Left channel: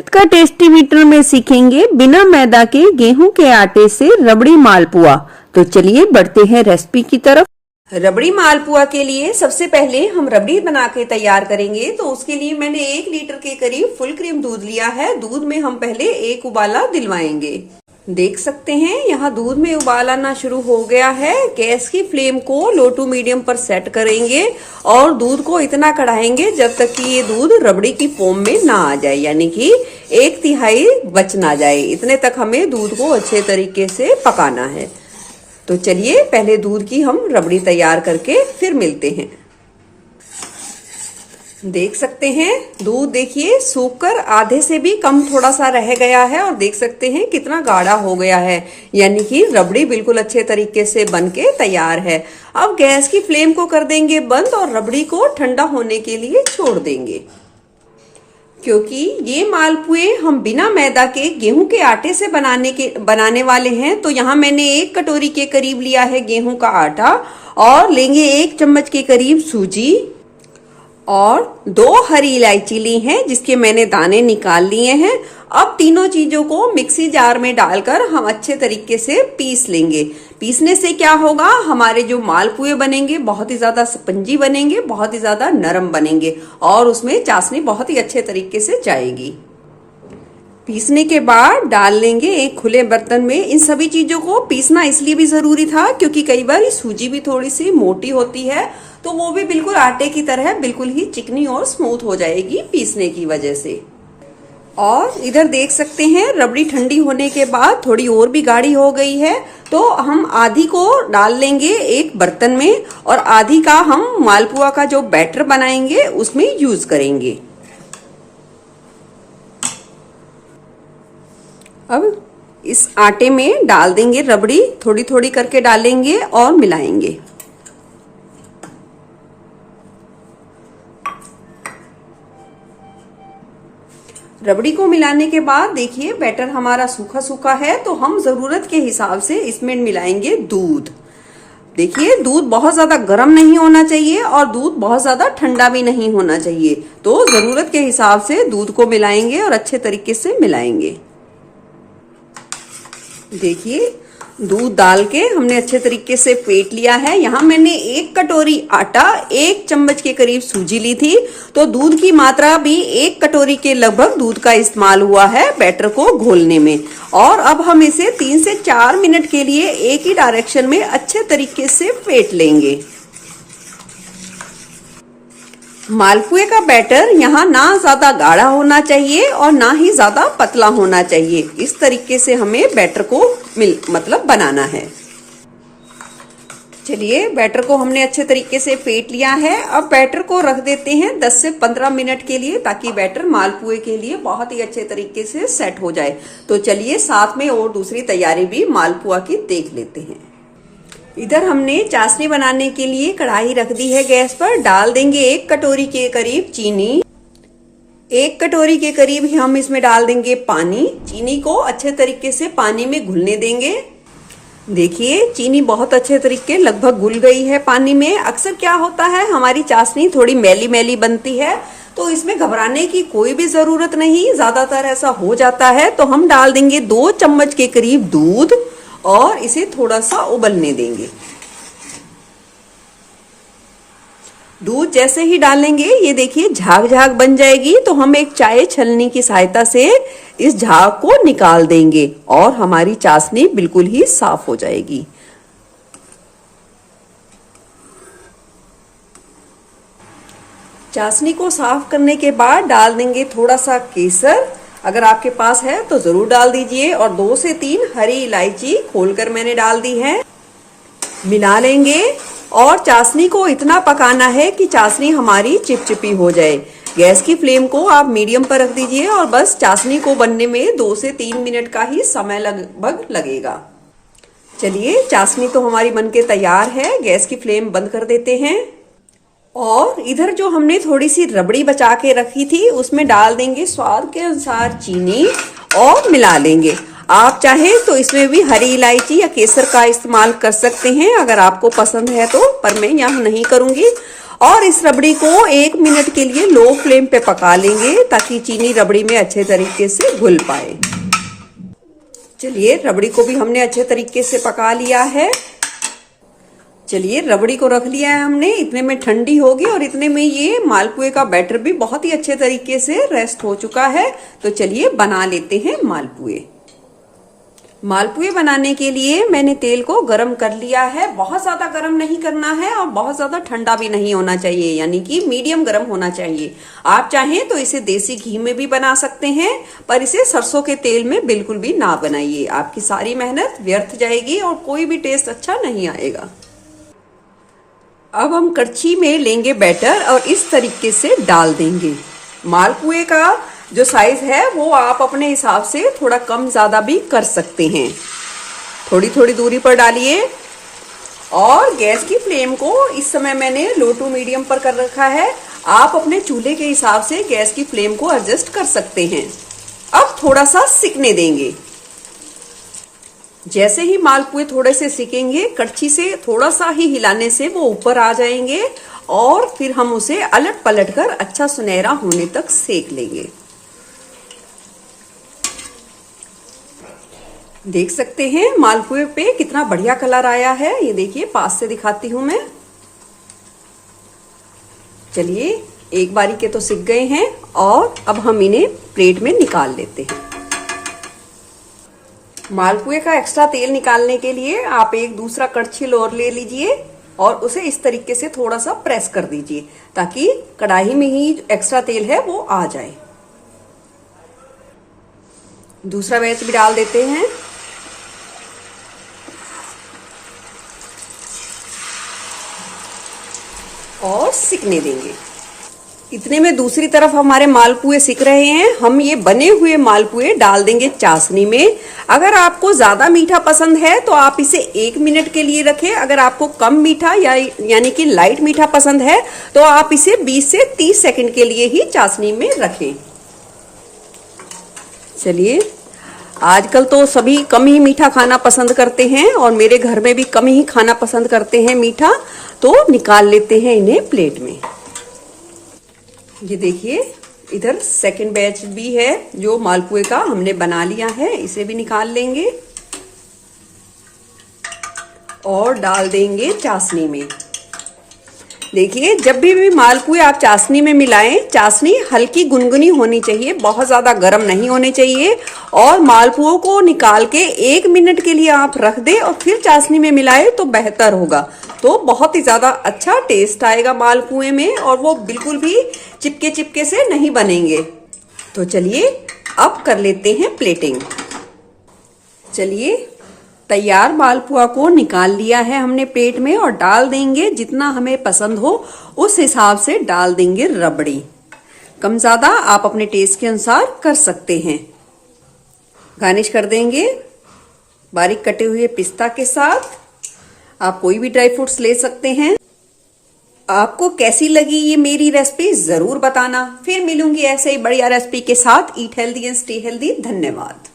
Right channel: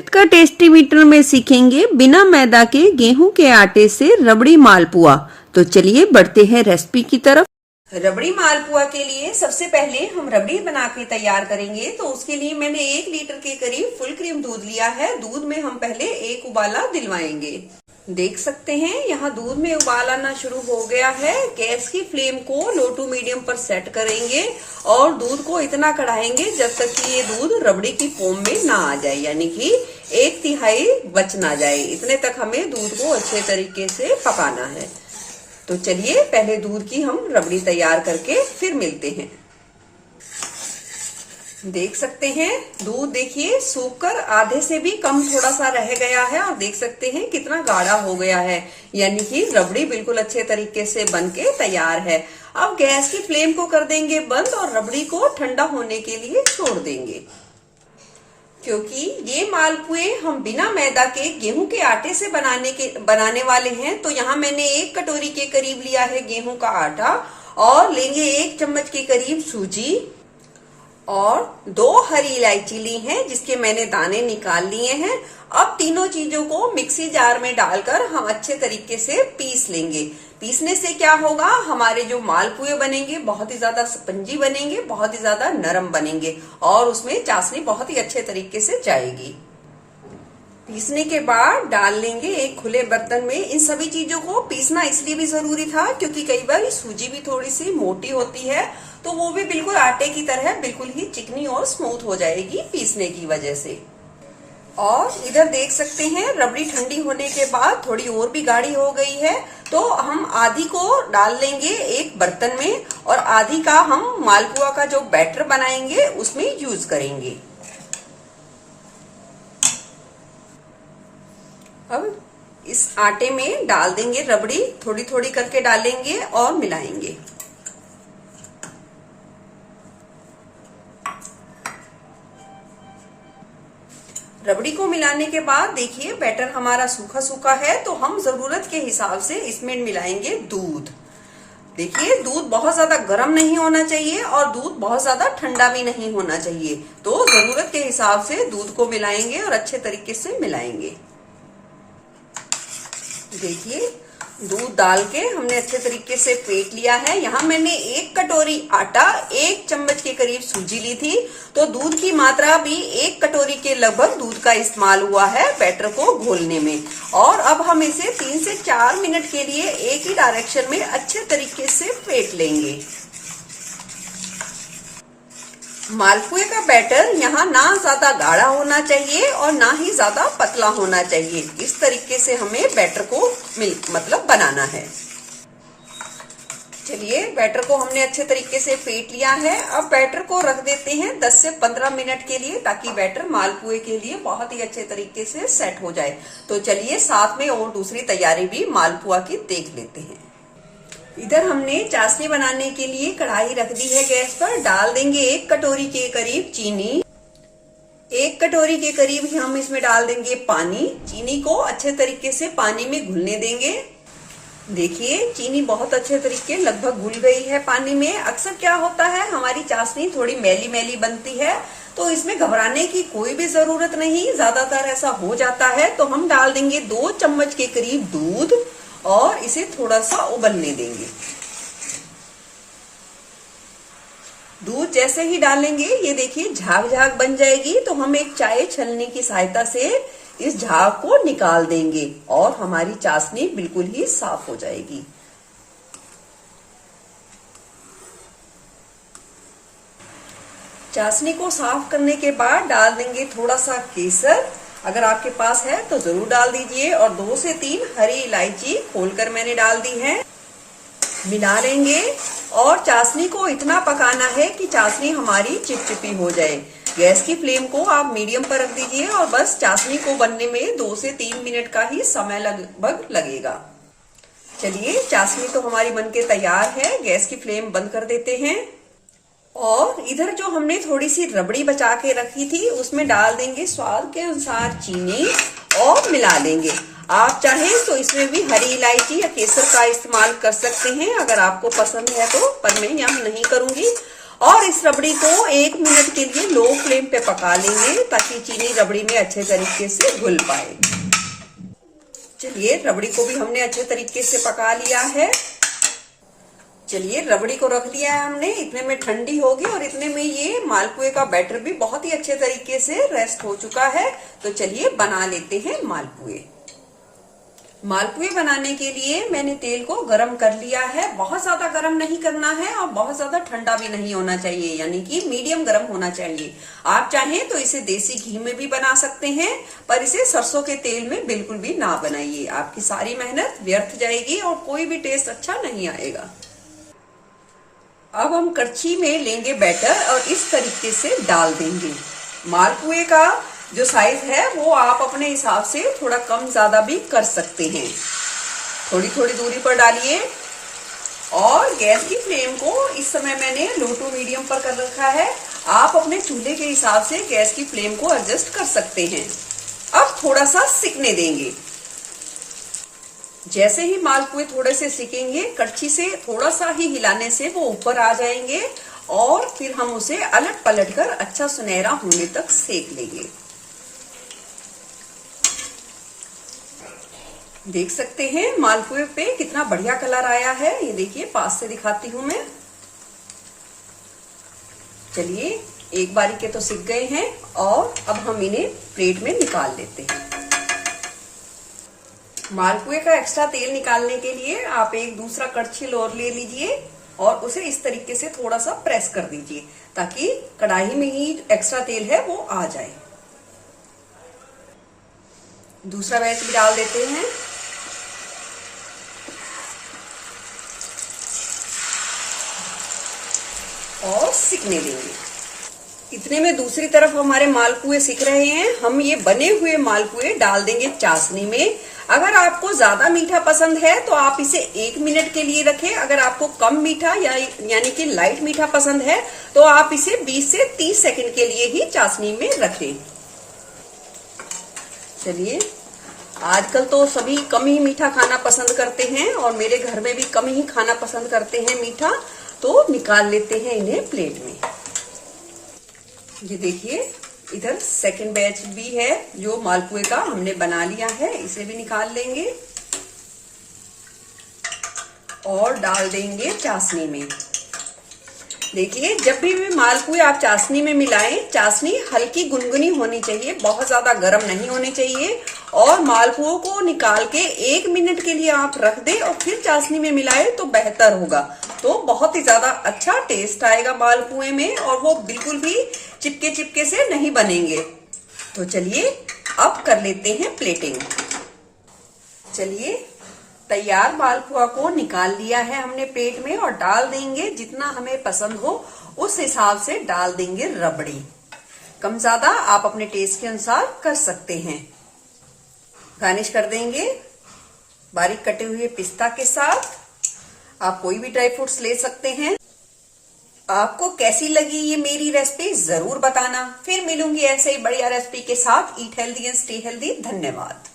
आज का tasty metre में सीखेंगे बिना मैदा के गेहूं के आटे से रबड़ी मालपुआ। तो चलिए बढ़ते हैं रेसिपी की तरफ। रबड़ी मालपुआ के लिए सबसे पहले हम रबड़ी बना के तैयार करेंगे। तो उसके लिए मैंने 1 लीटर के करीब फुल क्रीम दूध लिया है। दूध में हम पहले एक उबाला दिलवाएंगे। देख सकते हैं यहाँ दूध में उबाल आना शुरू हो गया है। गैस की फ्लेम को लो टू मीडियम पर सेट करेंगे और दूध को इतना कढ़ाएंगे जब तक कि ये दूध रबड़ी की फॉर्म में ना आ जाए, यानी कि 1/3 बच ना जाए। इतने तक हमें दूध को अच्छे तरीके से पकाना है। तो चलिए पहले दूध की हम रबड़ी तैयार करके फिर मिलते हैं। देख सकते हैं दूध देखिए सूखकर आधे से भी कम थोड़ा सा रह गया है और देख सकते हैं कितना गाढ़ा हो गया है, यानी कि रबड़ी बिल्कुल अच्छे तरीके से बनके तैयार है। अब गैस की फ्लेम को कर देंगे बंद और रबड़ी को ठंडा होने के लिए छोड़ देंगे। क्योंकि ये मालपुए हम बिना मैदा के गेहूं के आटे से बनाने वाले हैं, तो यहाँ मैंने 1 कटोरी के करीब लिया है गेहूं का आटा और लेंगे 1 चम्मच के करीब सूजी और 2 हरी इलायची ली हैं जिसके मैंने दाने निकाल लिए हैं। अब तीनों चीजों को मिक्सी जार में डालकर हम अच्छे तरीके से पीस लेंगे। पीसने से क्या होगा, हमारे जो मालपुए बनेंगे बहुत ही ज्यादा स्पंजी बनेंगे, बहुत ही ज्यादा नरम बनेंगे और उसमें चाशनी बहुत ही अच्छे तरीके से जाएगी। पीसने के बाद डाल लेंगे एक खुले बर्तन में। इन सभी चीजों को पीसना इसलिए भी जरूरी था क्योंकि कई बार सूजी भी थोड़ी सी मोटी होती है, तो वो भी बिल्कुल आटे की तरह बिल्कुल ही चिकनी और स्मूथ हो जाएगी पीसने की वजह से। और इधर देख सकते हैं रबड़ी ठंडी होने के बाद थोड़ी और भी गाढ़ी हो गई है, तो हम आधी को डाल लेंगे एक बर्तन में और आधी का हम मालपुआ का जो बैटर बनाएंगे उसमें यूज करेंगे। अब इस आटे में डाल देंगे रबड़ी, थोड़ी थोड़ी करके डालेंगे और मिलाएंगे। रबड़ी को मिलाने के बाद देखिए बैटर हमारा सूखा सूखा है, तो हम जरूरत के हिसाब से इसमें मिलाएंगे दूध। देखिए दूध बहुत ज्यादा गर्म नहीं होना चाहिए और दूध बहुत ज्यादा ठंडा भी नहीं होना चाहिए, तो जरूरत के हिसाब से दूध को मिलाएंगे और अच्छे तरीके से मिलाएंगे। देखिए दूध डाल के हमने अच्छे तरीके से फेंट लिया है। यहाँ मैंने 1 कटोरी आटा 1 चम्मच के करीब सूजी ली थी, तो दूध की मात्रा भी 1 कटोरी के लगभग दूध का इस्तेमाल हुआ है बैटर को घोलने में। और अब हम इसे 3 से 4 मिनट के लिए एक ही डायरेक्शन में अच्छे तरीके से फेंट लेंगे। मालपुए का बैटर यहाँ ना ज्यादा गाढ़ा होना चाहिए और ना ही ज्यादा पतला होना चाहिए। इस तरीके से हमें बैटर को बनाना है। चलिए बैटर को हमने अच्छे तरीके से फेंट लिया है। अब बैटर को रख देते हैं 10 से 15 मिनट के लिए, ताकि बैटर मालपुए के लिए बहुत ही अच्छे तरीके से सेट हो जाए। तो चलिए साथ में और दूसरी तैयारी भी मालपुआ की देख लेते हैं। इधर हमने चाशनी बनाने के लिए कढ़ाई रख दी है गैस पर। डाल देंगे 1 कटोरी के करीब चीनी। 1 कटोरी के करीब हम इसमें डाल देंगे पानी। चीनी को अच्छे तरीके से पानी में घुलने देंगे। देखिए चीनी बहुत अच्छे तरीके लगभग घुल गई है पानी में। अक्सर क्या होता है हमारी चाशनी थोड़ी मैली मैली बनती है, तो इसमें घबराने की कोई भी जरूरत नहीं, ज्यादातर ऐसा हो जाता है। तो हम डाल देंगे 2 चम्मच के करीब दूध और इसे थोड़ा सा उबलने देंगे। दूध जैसे ही डालेंगे ये देखिए झाग झाग बन जाएगी, तो हम एक चाय छलनी की सहायता से इस झाग को निकाल देंगे और हमारी चाशनी बिल्कुल ही साफ हो जाएगी। चाशनी को साफ करने के बाद डाल देंगे थोड़ा सा केसर। अगर आपके पास है तो जरूर डाल दीजिए और 2 से 3 हरी इलायची खोलकर मैंने डाल दी है। मिला लेंगे और चाशनी को इतना पकाना है कि चाशनी हमारी चिपचिपी हो जाए। गैस की फ्लेम को आप मीडियम पर रख दीजिए और बस चाशनी को बनने में 2 से 3 मिनट का ही समय लगभग लगेगा। चलिए चाशनी तो हमारी बनके तैयार है। गैस की फ्लेम बंद कर देते हैं और इधर जो हमने थोड़ी सी रबड़ी बचा के रखी थी उसमें डाल देंगे स्वाद के अनुसार चीनी और मिला लेंगे। आप चाहें तो इसमें भी हरी इलायची या केसर का इस्तेमाल कर सकते हैं अगर आपको पसंद है तो, पर मैं यहाँ नहीं करूंगी। और इस रबड़ी को 1 मिनट के लिए लो फ्लेम पे पका लेंगे ताकि चीनी रबड़ी में अच्छे तरीके से घुल पाए। चलिए रबड़ी को भी हमने अच्छे तरीके से पका लिया है। चलिए रबड़ी को रख लिया है हमने, इतने में ठंडी होगी और इतने में ये मालपुए का बैटर भी बहुत ही अच्छे तरीके से रेस्ट हो चुका है। तो चलिए बना लेते हैं मालपुए। मालपुए बनाने के लिए मैंने तेल को गरम कर लिया है। बहुत ज्यादा गरम नहीं करना है और बहुत ज्यादा ठंडा भी नहीं होना चाहिए, यानी कि मीडियम गरम होना चाहिए। आप चाहें तो इसे देसी घी में भी बना सकते हैं, पर इसे सरसों के तेल में बिल्कुल भी ना बनाइए। आपकी सारी मेहनत व्यर्थ जाएगी और कोई भी टेस्ट अच्छा नहीं आएगा। अब हम कड़छी में लेंगे बैटर और इस तरीके से डाल देंगे। मालपुए का जो साइज है वो आप अपने हिसाब से थोड़ा कम ज्यादा भी कर सकते हैं। थोड़ी थोड़ी दूरी पर डालिए और गैस की फ्लेम को इस समय मैंने लो टू मीडियम पर कर रखा है। आप अपने चूल्हे के हिसाब से गैस की फ्लेम को एडजस्ट कर सकते हैं। अब थोड़ा सा सिकने देंगे। जैसे ही मालपुए थोड़े से सिकेंगे, कड़छी से थोड़ा सा ही हिलाने से वो ऊपर आ जाएंगे और फिर हम उसे अलट पलट कर अच्छा सुनहरा होने तक सेक लेंगे। देख सकते हैं मालपुए पे कितना बढ़िया कलर आया है। ये देखिए, पास से दिखाती हूं मैं। चलिए एक बारी के तो सिक गए हैं और अब हम इन्हें प्लेट में निकाल लेते हैं। मालपुए का एक्स्ट्रा तेल निकालने के लिए आप एक दूसरा कड़छी और ले लीजिए और उसे इस तरीके से थोड़ा सा प्रेस कर दीजिए ताकि कढ़ाई में ही एक्स्ट्रा तेल है वो आ जाए। दूसरा बैच भी डाल देते हैं और सिकने देंगे। इतने में दूसरी तरफ हमारे मालपुए सिक रहे हैं। हम ये बने हुए मालपुए डाल देंगे चाशनी में। अगर आपको ज्यादा मीठा पसंद है तो आप इसे 1 मिनट के लिए रखें। अगर आपको कम मीठा यानी कि लाइट मीठा पसंद है तो आप इसे 20 से 30 सेकंड के लिए ही चाशनी में रखें। चलिए, आजकल तो सभी कम ही मीठा खाना पसंद करते हैं और मेरे घर में भी कम ही खाना पसंद करते हैं मीठा। तो निकाल लेते हैं इन्हें प्लेट में। ये देखिए, इधर सेकंड बैच भी है जो मालपुए का हमने बना लिया है। इसे भी निकाल लेंगे और डाल देंगे चाशनी में। देखिए, जब भी मालपुए आप चाशनी में मिलाएं, चाशनी हल्की गुनगुनी होनी चाहिए, बहुत ज्यादा गर्म नहीं होनी चाहिए। और मालपुओं को निकाल के 1 मिनट के लिए आप रख दें और फिर चाशनी में मिलाएं तो बेहतर होगा। तो बहुत ही ज्यादा अच्छा टेस्ट आएगा मालपुए में और वो बिल्कुल भी चिपके चिपके से नहीं बनेंगे। तो चलिए अब कर लेते हैं प्लेटिंग। चलिए, तैयार मालपुआ को निकाल लिया है हमने प्लेट में और डाल देंगे, जितना हमें पसंद हो उस हिसाब से डाल देंगे रबड़ी। कम ज्यादा आप अपने टेस्ट के अनुसार कर सकते हैं। गार्निश कर देंगे बारीक कटे हुए पिस्ता के साथ। आप कोई भी ड्राई फ्रूट्स ले सकते हैं। आपको कैसी लगी ये मेरी रेसिपी जरूर बताना। फिर मिलूंगी ऐसे ही बढ़िया रेसिपी के साथ। Eat healthy and stay healthy. धन्यवाद।